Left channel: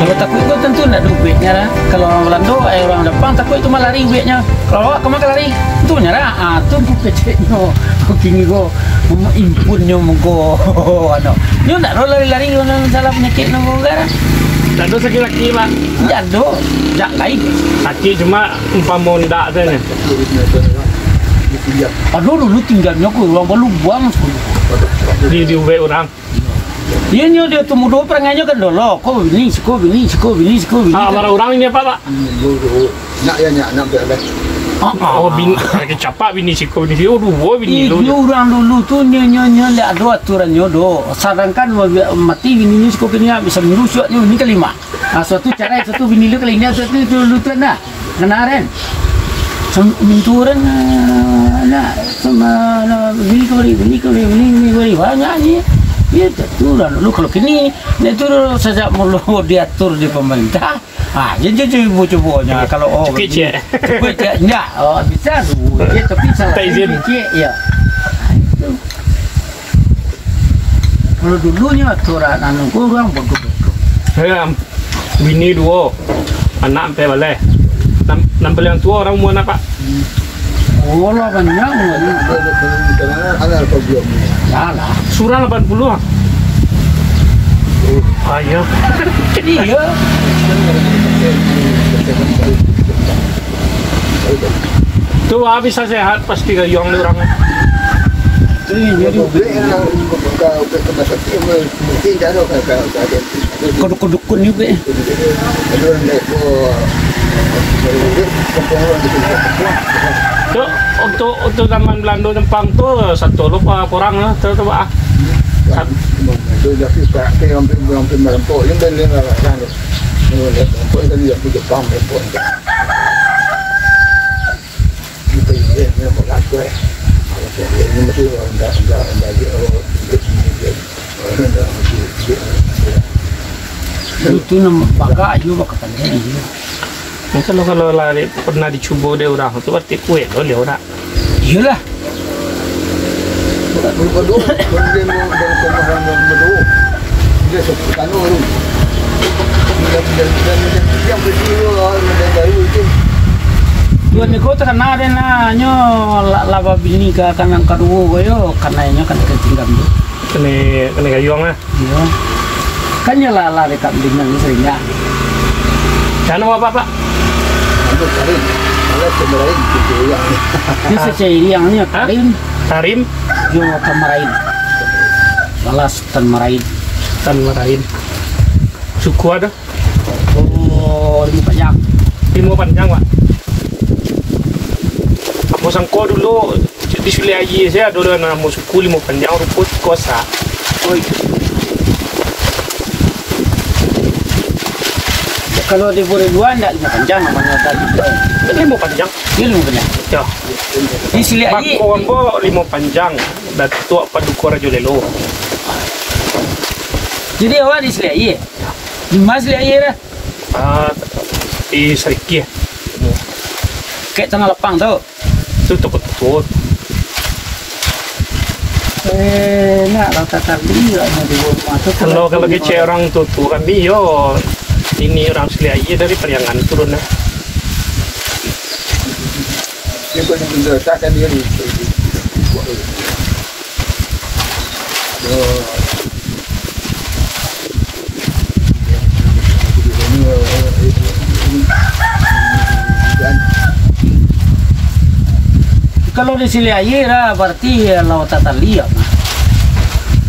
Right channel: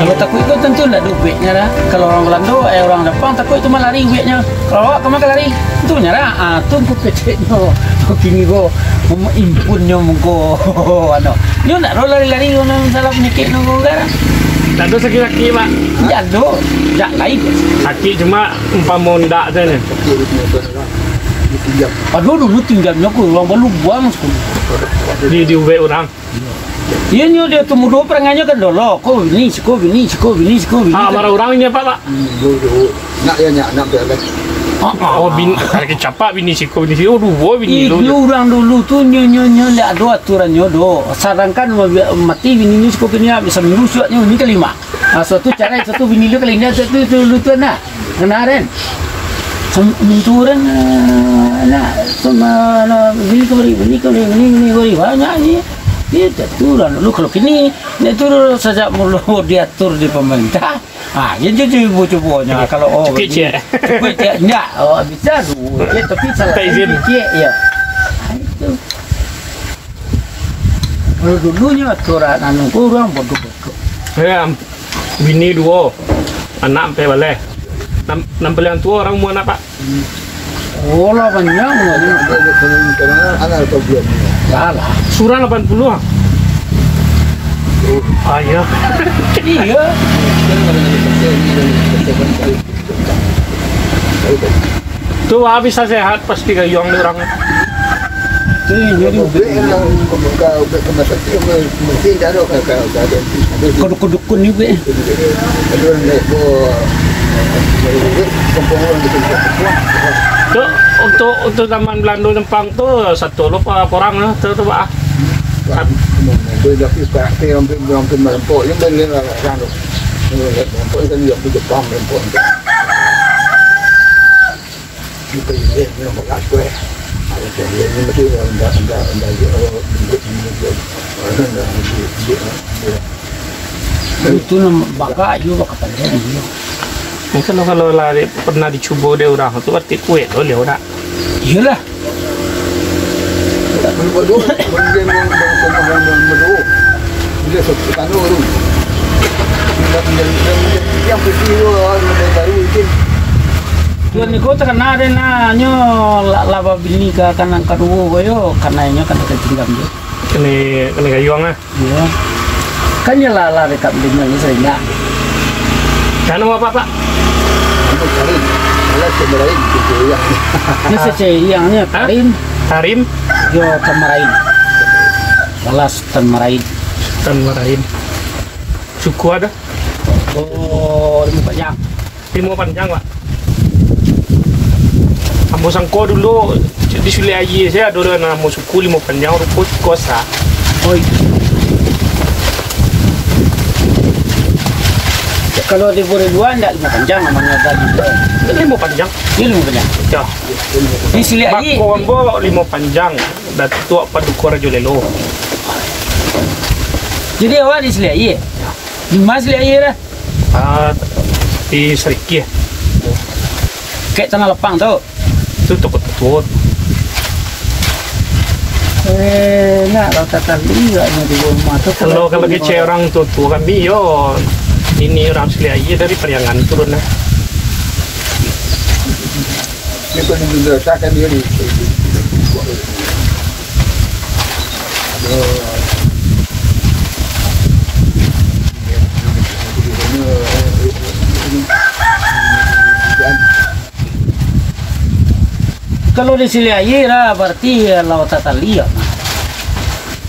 Ya takut itu tentu tidak ada duitnya lah. Kalau orang Belanda, orang depan takut itu malah lari duitnya. Kalau awak kemana lari? Tentunya lah. Itu aku keceknya, aku pingin go, mau impunnya mau go. Dia tidak tahu lari-lari orang salah penyakit nongol kan? Tak ada sakit kaki pak. Jado, jak lain. Sakit cuma umpama ndak tu ni. Aduh dulu tinggalnya aku orang baru buang sekolah. Di ubek orang. Iya ni dia temu dua perangnya kan dulu. Kau bini. Ah, marah orang ini apa pak? Nak ya nak beres. Oh bini, lagi capak bini siko bini siko. Oh dua bini Itu orang dulu tu nyonya lihat ada aturannya do. Sarankan mati bini ni siko kena bisa merusaknya ini kelima. Suatu cara satu bini lu kelima satu dulu tu nak kenaren. Menturan nak sama bini kori banyak ni. Dia aturan lu kalau kini itu sejak mula diatur di pemerintah. Jadi coba-cobanya kalau kecil. Enggak, bisa dulu. Tapi salah kecil ya. Kalau dulunya aturan anu kurang bodoh-bodoh. Ya, bini dua, anak sampai balik. Nampak yang tua orang mau anak pak. Oh lah banyak ni. Anak problem. Salah. Surah 80 ah. Ayah. Iya. Tu bisa sehat pasti gayung ni orang. Kodok-kodokun ni be. Tu untuk zaman Belanda Jepang tu satu lupa orang tu pak. Tôi là cái ông làm tội những bên lên là ra được làm tội dân nghiệp bây giờ con làm tội như bây giờ như là một lát quê nhưng mà chưa Itu nama baga juga kepanjang dia. Kalau lari pernah dicoba dia orang tu berarti kuat loh dia orang. Iyalah. Berdua, berdua pemahaman berdua. Dia seperti anu tu. Yang peristiwa baru itu. Tuan ni kau terkena ada nanya laba bini ke kanan kedua koyo karena kan tinggal dia. Kena gayung ah. Ya. Kan ya lah dekat bini ni seringnya. Kan apa pak? Anu Karim. Alat kemarin itu ya. Ni seceriangnya Karim. Karim. Yo Tamarain. Balas Tamarain. Suku ada? Oh, 5 panjang. 5 panjang pak. Abu Sangko dulu di Suli Aji saya dulu nama suku 5 panjang rumput kosa. Oi. Kalau di Bore 2 enggak 5 panjang namanya tadi. 5 panjang. Ini 5 panjang. Ya. Di Suli Aji. Kombo 5 panjang. Datuk Paduka Rajo Lelo. Jadi awak di Suli Aji. Di mana Suli Aji dah? Di Seriki. Kayak tanah lapang tu. Itu tukut-tukut. Nak rata kali enggak di rumah tu. Kalau kecil orang tu kan bio. Ini orang Suli Aji dari Periangan turun lah. Dia pun mendasarkan dia ni. Kalau di Suli Aji lah berarti laut Tatalia.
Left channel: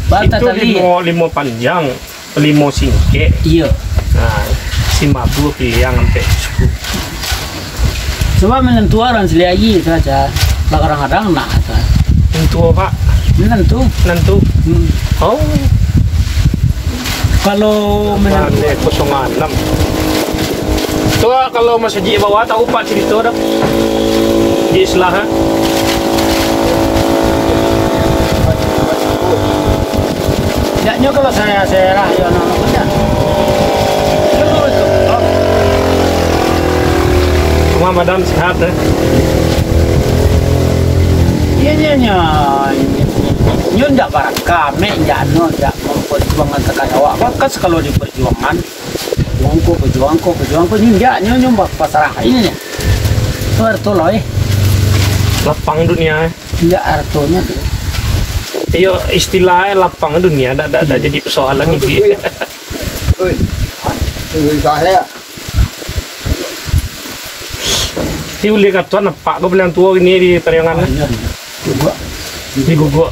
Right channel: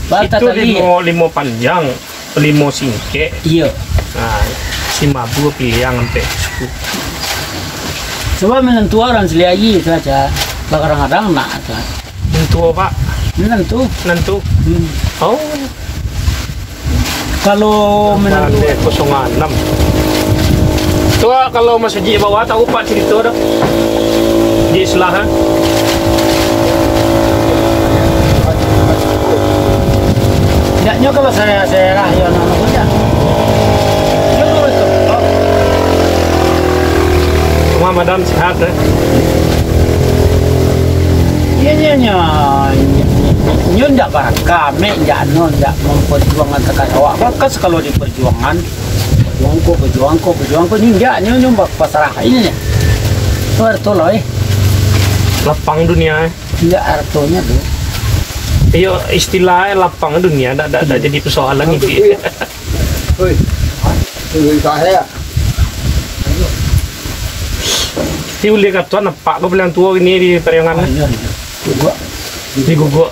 Itu 5 panjang, 5 singkek. Iya. Nah, si mabu pilihan sampai suku. Sebab menentu orang Suli Aji saja. Kadang-kadang nak aja. Menentu pak? Menentu. Oh. Kalau menentu 06. Tua kalau Mas Haji bawa tahu pak cerita dah. Di Islah. Yaknya kalau saya lah ya nama punya. Rumah madam sehat Iya ndak barang kami ndak memperjuangkan tekan awak. Bakas kalau di perjuangan Pejuangko ini dia nyumbak pasarah ini nih. Itu arto loh Lapang dunia. Iya artonya deh. Iyo istilahnya lapang dunia, ada jadi persoalan ini. Oi, tunggu saya. Tiu lihat tuan apa kau bilang tua ini di periangan Gua di guguk.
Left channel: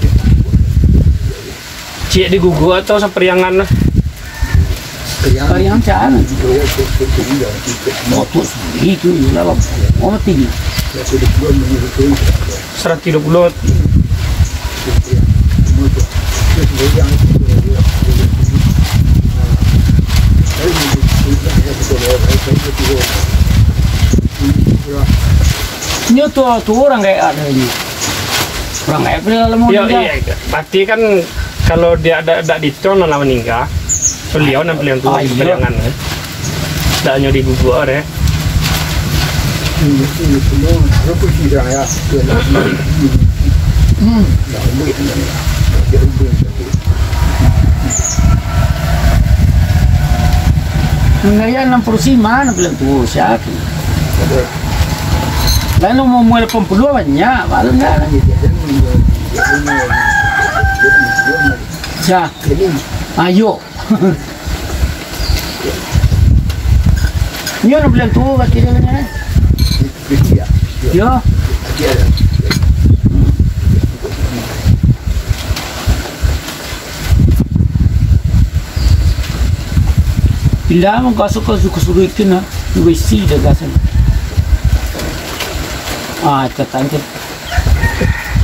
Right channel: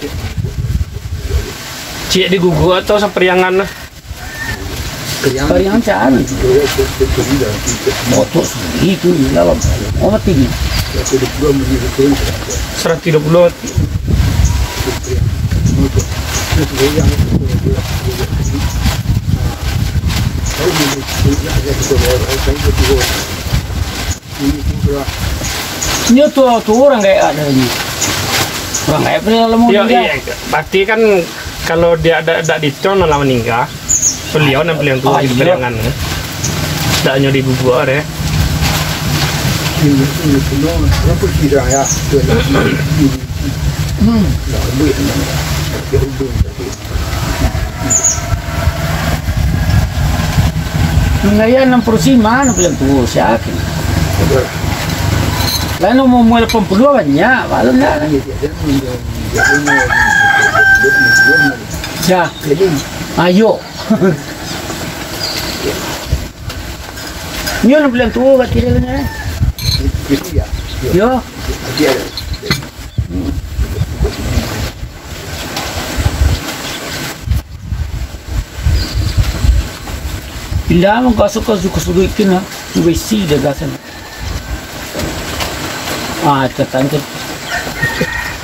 Cik di guguk atau seperiangan Pariangan caan. Motor itu dalam. Oh tinggi. 130. Ini tuh orang kayak ada ini. Orang kayak pernah lemu Iya, pasti kan kalau dia ada di ton lah meninggal. Beliau yang tua di periangan. Tak hanya di guguk deh. Ini semua apa kira ya? Nah, duit ni. Dia ubin tapi. Ngarian 60 mana bilang tuh siapa? Lalu mau mulai pembuluh banyak, malu enggak lagi. Ya, ayo. Ini orang bilang tuh kat kiri ni. Yo. Bila mo kasuk ikin na, besi deh gasan. Cantik.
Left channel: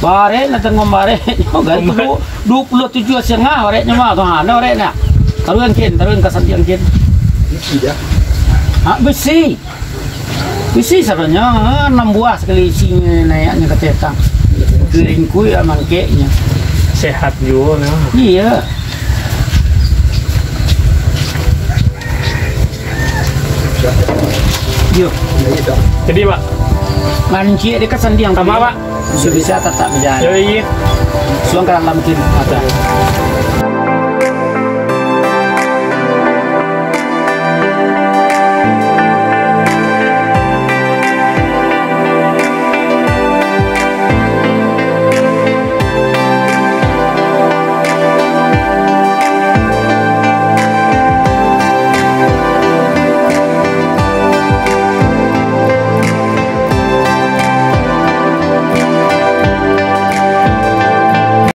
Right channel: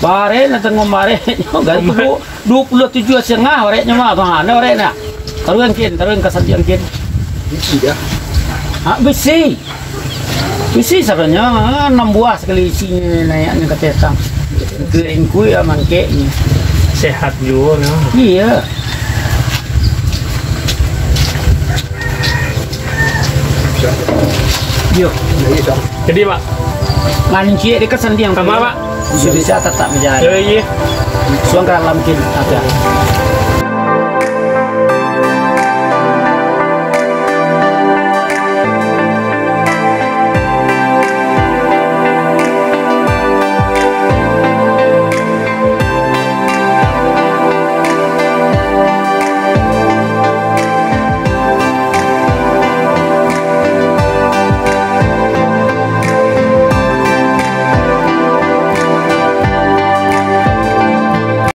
Bare na tengok bare. Gan tu 27 setengah orangnya mah tuh ada orangnya. Taruhan kasar yang kin. Besi. Besi sebenarnya 6 buah sekali isinya naiknya ke tetang. Kering kuy mangkeknya. Sehat juga. Iya. Yo. Jadi Pak, Mancik dekat sendi yang sama Pak. Bisa tak menjadi. Iya. Suang dalam kin ada.